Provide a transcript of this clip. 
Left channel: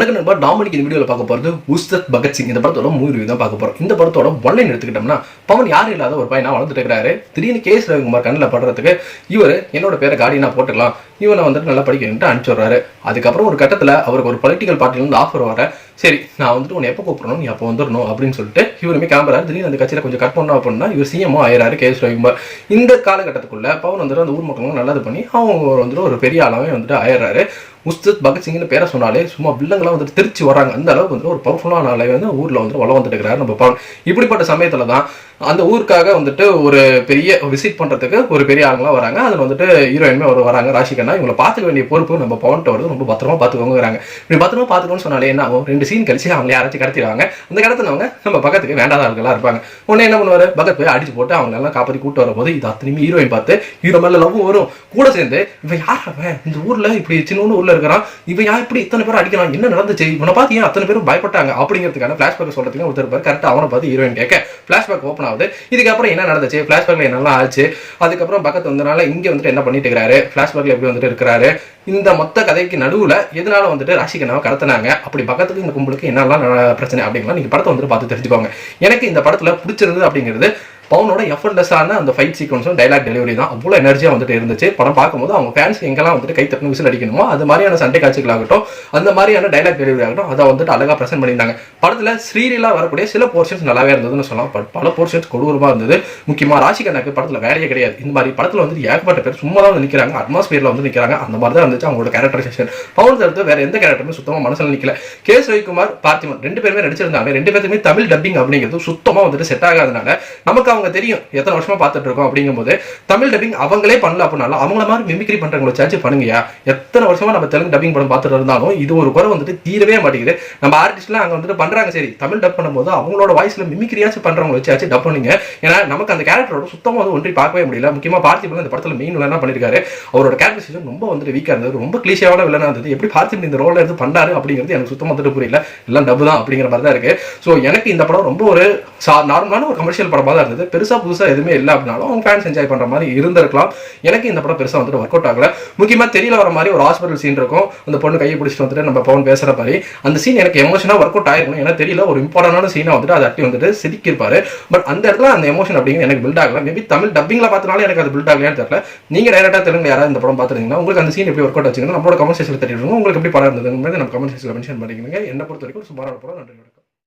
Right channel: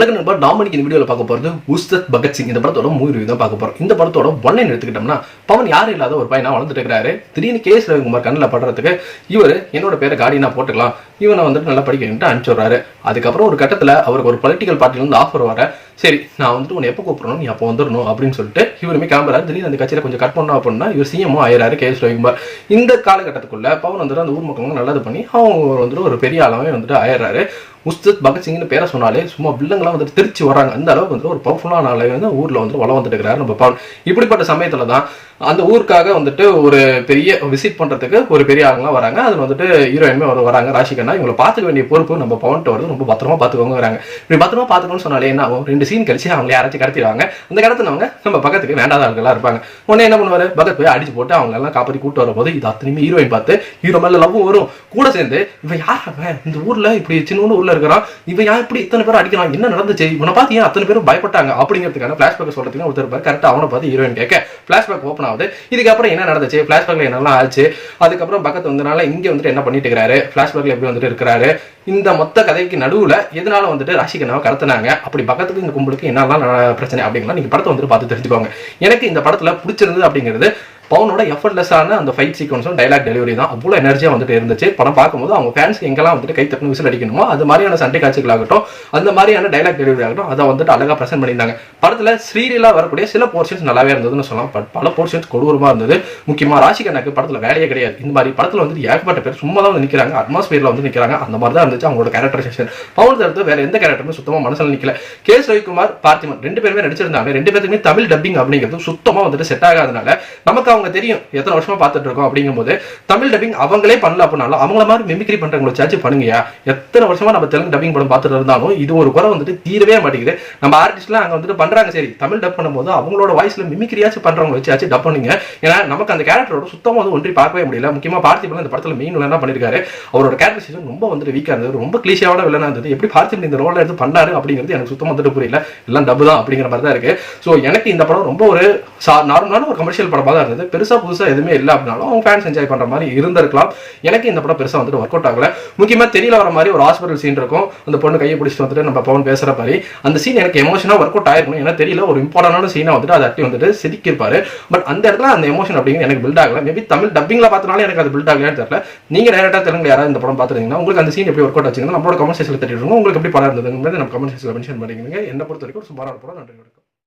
வணக்கம் நண்பா, நாம இந்த வீடியோவில் பார்க்க போகிறது உஸ்தாத் பகத்சிங். இந்த படத்தோட மூவி ரிவ்யூ தான் பார்க்க போகிறோம். இந்த படத்தோட ஒன்லைன் எடுத்துக்கிட்டோம்னா, பவன் யாரும் இல்லாத ஒரு பையனா வளர்ந்துட்டு இருக்கிறாரு. திடீர்னு கே. எஸ். ரவிக்குமார் கண்ணில் படுறதுக்கு இவர் என்னோட பேரை கார்டியனா போட்டுக்கலாம், இவனை வந்துட்டு நல்லா படிக்கணும்ட்டு அனுப்பிச்சுடுறாரு. அதுக்கப்புறம் ஒரு கட்டத்தில் அவருக்கு ஒரு பொலிட்டிக்கல் பார்ட்டிலேருந்து ஆஃபர் வர, சரி நான் வந்துட்டு உன்னை எப்போ கூப்பிடணும், நீ அப்போ வந்துடணும் அப்படின்னு சொல்லிட்டு இவருமே கிளம்புறாரு. திடீர்னு அந்த கட்சியில் கொஞ்சம் கட் பண்ணோம் அப்படின்னா இவர் சிஎம்ஓ ஆயிராரு கே. எஸ். ரவிக்குமார். இந்த காலகட்டத்துக்குள்ள பவன் வந்துட்டு அந்த ஊர் மக்களும் நல்லது பண்ணி அவங்க வந்துட்டு ஒரு பெரிய ஆளாவே வந்துட்டு ஆயிடுறாரு. உஸ்தாத் பகத்சிங்னு பேரை சொன்னாலே சும்மா பில்லுங்களாம் வந்துட்டு திருச்சி வராங்க. அந்த அளவுக்கு வந்துட்டு ஒரு பவர்ஃபுல்லான ஆளை வந்து ஊரில் வந்துட்டு வளம் வந்துட்டு இருக்கிறாரு நம்ம பவன். இப்படிப்பட்ட சமயத்தில் தான் அந்த ஊருக்காக வந்துட்டு ஒரு பெரிய விசிட் பண்ணுறதுக்கு ஒரு பெரிய ஆளுங்களாம் வராங்க. அதில் வந்துட்டு ஹீரோயின்மே வராங்க, ராஷிகண்ணா. இவங்களை பார்த்துக்க வேண்டிய பொறுப்பு நம்ம பவன்கிட்ட வருது, ரொம்ப பத்திரமா பார்த்துக்கோங்கிறாங்க. இப்படி பத்திரமா பார்த்துக்கணும்னு சொன்னாலே என்ன ஆகும், 2 சீன் கழிச்சு அவங்களை யாராச்சும் கடத்திடுவாங்க. அந்த கடத்தினவங்க நம்ம பக்கத்துக்கு வேண்டாத ஆட்களாக இருப்பாங்க. உடனே என்ன பண்ணுவார், பக்கத்து போய் அடிச்சு போட்டு அவங்க எல்லாம் காப்பாற்றி கூட்டு வரும்போது இது அத்தனையுமே ஹீரோயின் பார்த்து ஹீரோ மேலே லவ் வரும். கூட சேர்ந்து இவன் யார், அவன் இந்த ஊரில் இப்படி சின்ன ஊரில் இருக்கிறான், இவன் யார் இப்படி இத்தனை பேர் அடிக்கிறான், என்ன நடந்துச்சு, இவனை பார்த்து ஏன் அத்தனை பேரும் பயப்பட்டாங்க அப்படிங்கிறதுக்கான ஃபிளாஷ்பேக் சொல்றதுக்கு ஒருத்தர் பேர் கரெக்டாக அவனை பார்த்து ஹீரோயின் கேட்க ஃபிளாஷ்பேக் ஓப்பன் ஆகுது. இதுக்கப்புறம் என்ன நடந்துச்சு, ஃபிளாஷ்பேக்ல என்னெல்லாம் ஆச்சு, அதுக்கப்புறம் பக்கத்து வந்தனால இங்கே வந்துட்டு என்ன பண்ணிட்டு இருக்கிறாரு, ஃபிளாஷ்பேக்ல எப்படி வந்துட்டு இருக்கிறாரு, இந்த மொத்த கதைக்கு நடுவில் எதனால வந்துட்டு ராஷிகண்ணாவை கடத்தினாங்க, அப்படி பக்கத்துக்கு இந்த கும்பலுக்கு என்னெல்லாம் பிரச்சனை அப்படிங்களா நீங்க படத்தை வந்துட்டு பார்த்து தெரிஞ்சுக்கோங்க. எனக்கு இந்த படத்துல பிடிச்சிருந்தது அப்படிங்கிறது பவனோட எஃபர்ட்லெஸ்ஸான அந்த ஃபைட் சீக்வன்ஸும் டைலாக் டெலிவரி தான். அவ்வளோ எனர்ஜியாக வந்துட்டு இருந்துச்சு. படம் பார்க்கும்போது அவங்க ஃபேன்ஸ்க்கு எங்கெல்லாம் வந்துட்டு கை தட்டணும், விசில் அடிக்கணுமோ அது மாதிரியான சண்டை காட்சிகளாகட்டும், அந்த மாதிரியான டைலாக் டெலிவரி ஆகட்டும், அதை வந்துட்டு அழகாக ப்ரெசென்ட் பண்ணியிருந்தாங்க. படத்தில் ஸ்ரீரீலா வரக்கூடிய சில போர்ஷன்ஸ் நல்லாவே இருந்ததுன்னு சொல்லலாம். பட் பல போர்ஷன்ஸ் கொடூரமாக இருந்தது. முக்கியமாக ராஷிகண்ணாக்கு படத்தில் வேலையே கிடையாது. இந்த மாதிரி படத்தில் வந்து ஏகப்பட்ட பேர் சும்மா தான் வந்து நிற்கிறாங்க, அட்மாஸ்பியரில் வந்து நிற்கிறாங்க. அந்த மாதிரி தான் இருந்துச்சு அவங்களோட கேரக்டரைசேஷன். பவன் தவிர்த்து வேற எந்த கேரக்டரும் சுத்தமாக மனசில் நிற்கல. கே. எஸ். ரவிக்குமார், பார்த்திபன் 2 பேருமே நடிச்சிருந்தாங்க. 2 பேருக்குமே தமிழ் டப்பிங் அப்படிங்கிறது சுத்தமாக வந்துட்டு செட் ஆகாதனால நமக்கு அவங்க தெரியும் எத்தனை வருஷமா பார்த்துட்டு இருக்கோம். அப்படிங்கும்போது தமிழ் டப்பிங் அவங்களே பண்ணல அப்படின்னாலும் அவங்கள மாதிரி மிமிக்ரி பண்றவங்களை சார்ஜ் பண்ணுங்கயா. எத்தனை வருஷமா நம்ம தெலுங்கு டப்பிங் படம் பார்த்துட்டு இருந்தாலும் இது ஒரு குறை வந்துட்டு தீரவே மாட்டேங்குது. நம்ம ஆர்டிஸ்ட்லாம் அங்க வந்துட்டு பண்றாங்க, சரி தமிழ் டப் பண்ணும்போது அவங்களோட வாய்ஸ்ல மிமிக்ரியாச்சும் பண்றவங்க வச்சு டப் பண்ணுங்க. ஏன்னா நமக்கு அந்த கேரக்டரோட சுத்தமா வந்து ஒன்றி பார்க்கவே முடியல. முக்கியமா பார்த்திபன் இந்த படத்துல மெயின் வில்லனா பண்ணிருக்காரு. அவரோட கேரக்டரைசேஷன் ரொம்ப வந்துட்டு வீக்கா இருந்தது, ரொம்ப கிளீஷியாவான வில்லனா இருந்தது. எப்படி பார்த்திபன் இந்த ரோல எடுத்து பண்ணாரு அப்படிங்கிறது எனக்கு சுத்தமா வந்துட்டு புரியல. எல்லாம் டப்பு தான் அப்படிங்கிற மாதிரி தான் இருக்கு. ஸோ எனக்கு இந்த படம் ரொம்ப ஒரு நார்மலான ஒரு கமர்ஷியல் படமாக தான் இருந்தது. பெருசா புதுசா எதுவுமே இல்லை அப்படின்னாலும் அவங்க ஃபேன்ஸ் என்ஜாய் பண்ற மாதிரி இருந்திருக்கலாம். எனக்கு இந்த படம் பெருசா வந்துட்டு ஒர்க் அவுட் ஆகல. முக்கியமா தெரியல வர மாதிரி ஒரு ஹாஸ்பிட்டல் சீன் இருக்கும். அந்த பொண்ணு கையை பிடிச்சிட்டு வந்துட்டு நம்ம பவன் பேசுற மாதிரி அந்த சீன் எனக்கு எமோஷனா ஒர்க் அவுட் ஆயிருக்கணும். ஏன்னா தெரியல ஒரு இம்பார்ட்டன்டான சீனா வந்துட்டு அதை அட்டி வந்துட்டு சிரிக்கிருப்பாரு. பட் அந்த இடத்துல அந்த எமோஷன் அப்படிங்கிறது எனக்கு பில்ட் ஆகல. மேபி தமிழ் டப்பிங்ல பார்த்தனால எனக்கு அது பில்ட் ஆகலையான்னு தெரியல. நீங்க டைரக்டா தெலுங்கு யாராவது இந்த படம் பார்த்துருந்தீங்கன்னா உங்களுக்கு அந்த சீன் எப்படி ஒர்க் அவுட் ஆச்சுங்கன்னா நம்மளோட கமெண்ட் செக்ஷன்ல தெரிவிங்க. உங்களுக்கு எப்படி படம் இருந்தது நம்ம கமெண்ட் செக்ஷன்ல மென்ஷன் பண்ணிக்கோங்க. என்ன பொறுத்த வரைக்கும் ஒரு சுமாரான படம். நன்றி.